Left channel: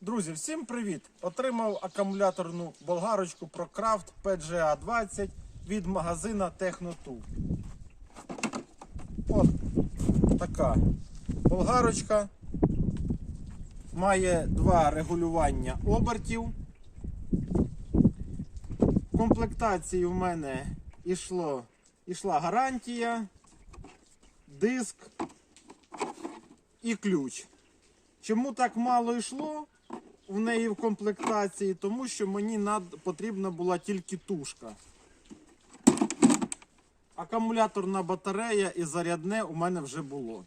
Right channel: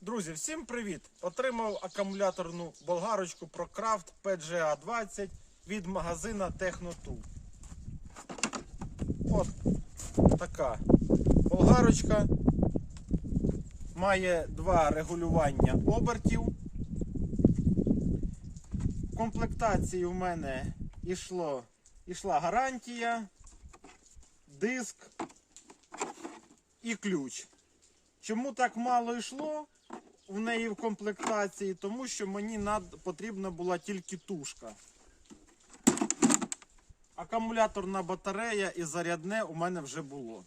Друзі, всім привіт! Отримав акумуляторну болгарочку ProCraft PGA 20 від магазина Technotool. От така болгарочка. Має два регулювання обертів. В комплектації в мене йшло, йшла гарантія, диск і ключ. Чому так мало йшло в неї в комплектації? Тому що мені над... потрібна була тільки тушка. Акумуляторна батарея і зарядне у мене вже було.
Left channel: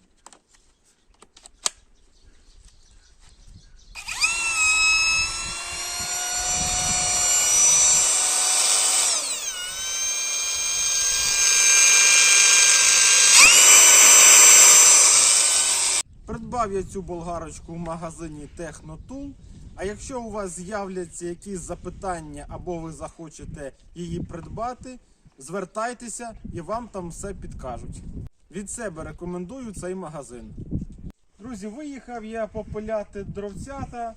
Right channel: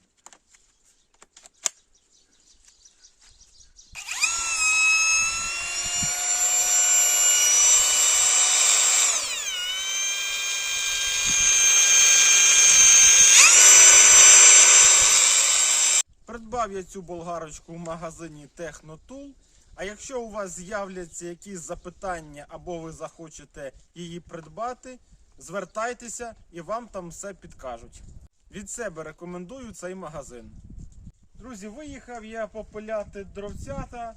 Придбав я цю болгарочку в магазині Technotool. А якщо у вас з'являться якісь запитання або ви захочете її придбати, звертайтеся і вам там все підкажуть. Від себе рекомендую цей магазин. Друзі, виїхав я попиляти дровцята,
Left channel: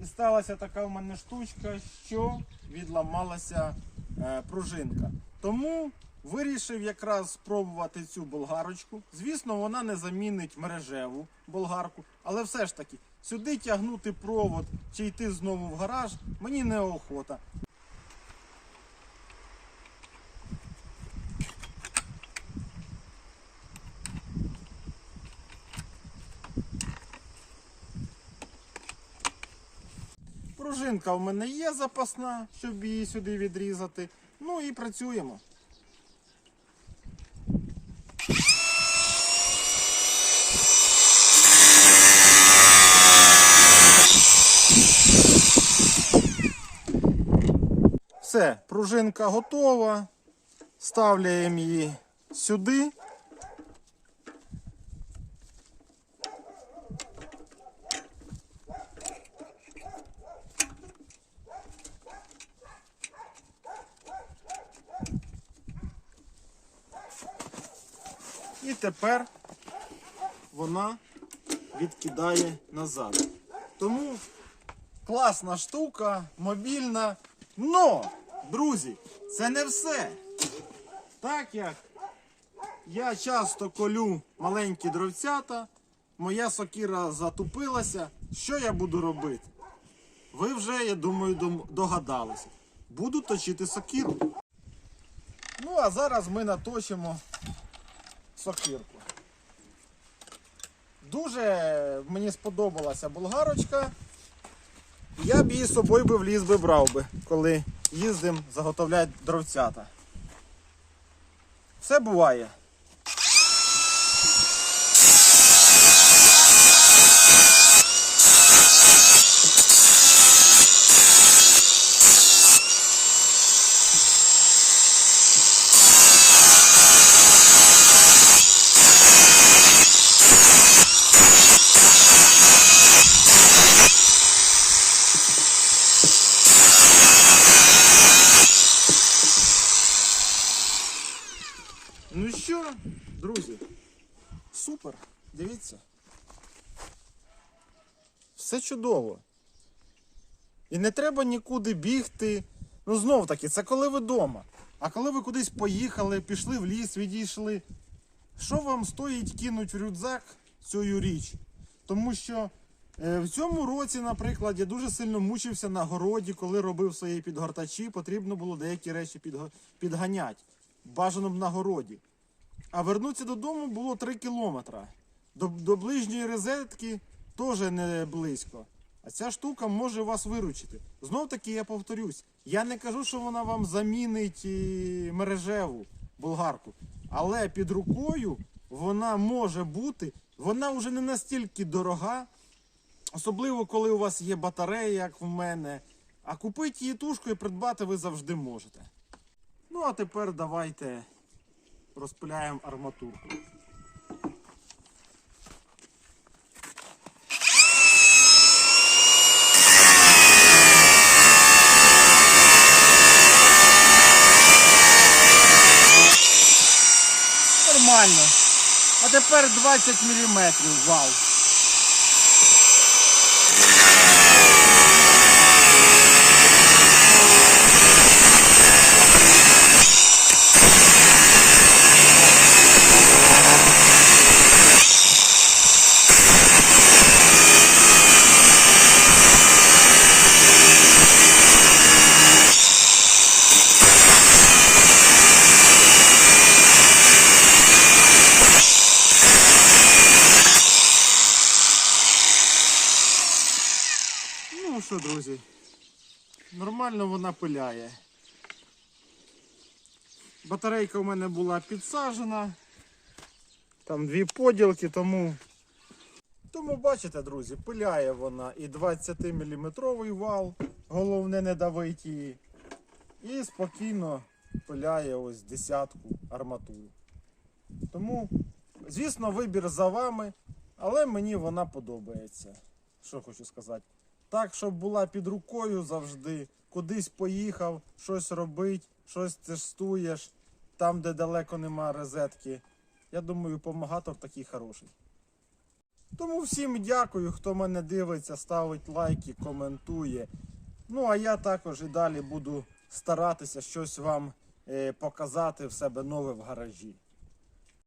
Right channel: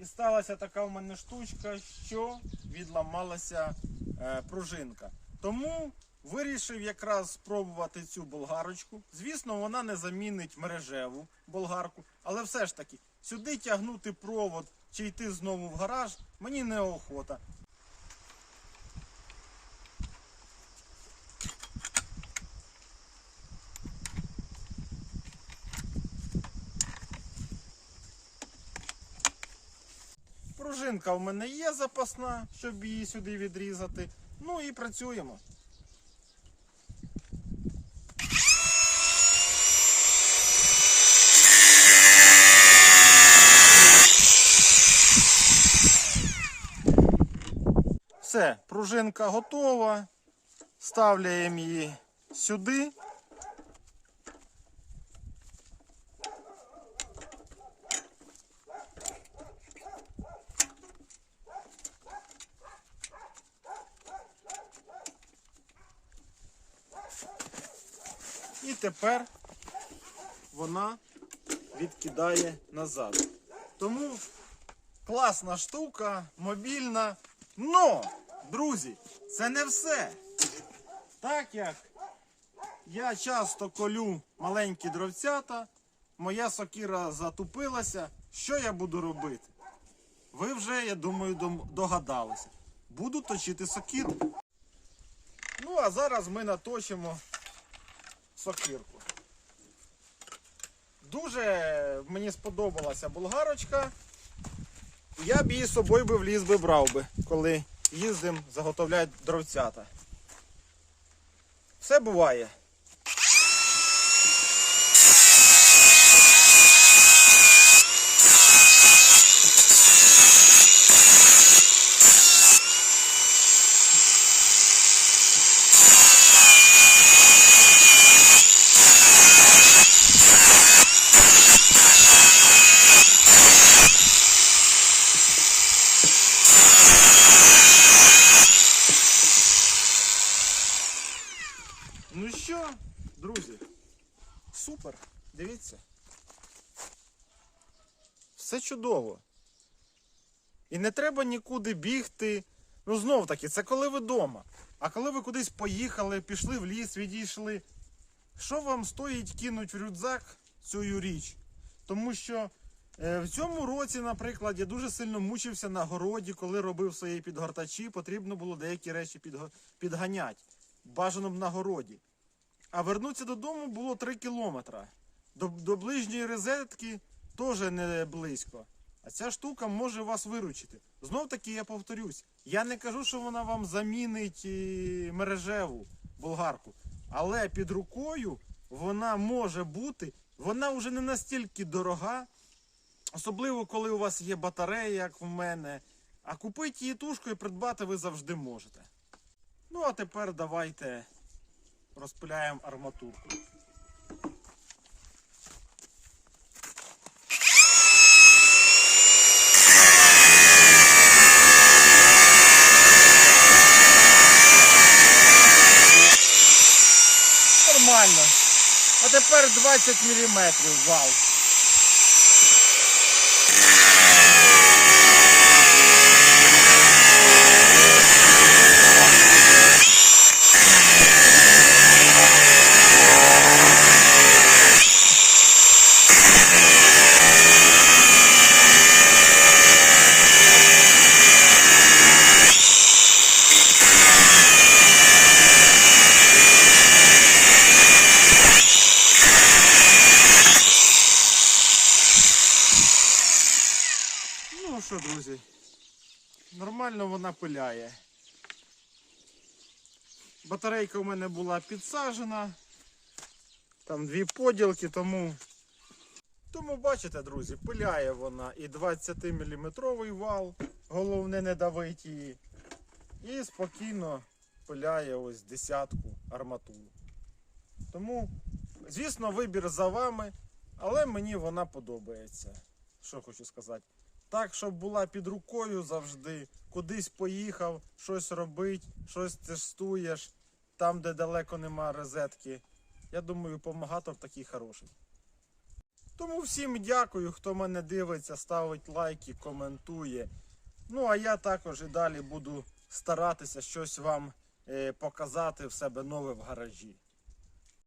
і сталася така в мене штучка, що відламалася е, пружинка. Тому вирішив якраз спробувати цю болгарочку. Звісно, вона не замінить мережеву болгарку, але все ж таки сюди тягнути провод чи йти знову в гараж мені неохота. Пружинка в мене є запасна, щоб її сюди відрізати. Ну і працюємо. Все, пружинка готова. Ставляємо її сюди. І тепер вона відкидає назад. Тому класна штука, мобільна. Но, друзі, це не все. Так як я часто колю маленькі дровцята, моя сокира затупилася. Що я буду робити? Ви вже, я думаю, догадалися. Буду точити сокиру. Ну, а зараз ми наточимо сокирку. Дуже мені сподобалася болгарочка. Я б її з собою в ліс би брав би, коли їздимо заготовляти дровцята. Все буває. Ну що, друзі, супер, дивіться. Все чудово. І не треба нікуди бігти. Ну, знов таки, це коли ви вдома. А коли ви кудись поїхали, пішли в ліс, відійшли. Що вам стоїть кинуть в рюкзак цю річ? Тому що е, в цьому році, наприклад, я дуже сильно мучився на городі, коли робив свої підгортачі, потрібно було деякі речі підго- підганяти. Бажано б на городі. А вернутися додому було 3 кілометри. До, до ближньої розетки теж не близько. А ця штука може вас виручити. Знов таки я повторюсь, я не кажу, що вона вам замінить е, мережеву болгарку. Але під рукою вона може бути, вона вже не настільки дорога, особливо коли у вас є батарея, як в мене. А купити її тушку і придбати ви завжди можете. Ну а тепер давайте розпиляємо арматурку. Нормально. А тепер 20 мм вал. Ну що, друзі, нормально вона пиляє. Батарейка у мене була підсажена. Там дві поділки, тому. Тому бачите, друзі, пиляє вона і 20-мм вал, головне не давить її. І спокійно пиляє ось десятку арматуру. Тому, звісно, вибір за вами, але мені вона подобається. Що хочу сказати. Так, щоб була під рукою завжди, кудись поїхав, щось робить, щось тестуєш, там, де далеко нема розетки. Я думаю, помагатор такий хороший. Тому всім дякую, хто мене дивиться, ставить лайки, коментує. Ну, а я також і далі буду старатися щось вам е, показати в себе нове в гаражі.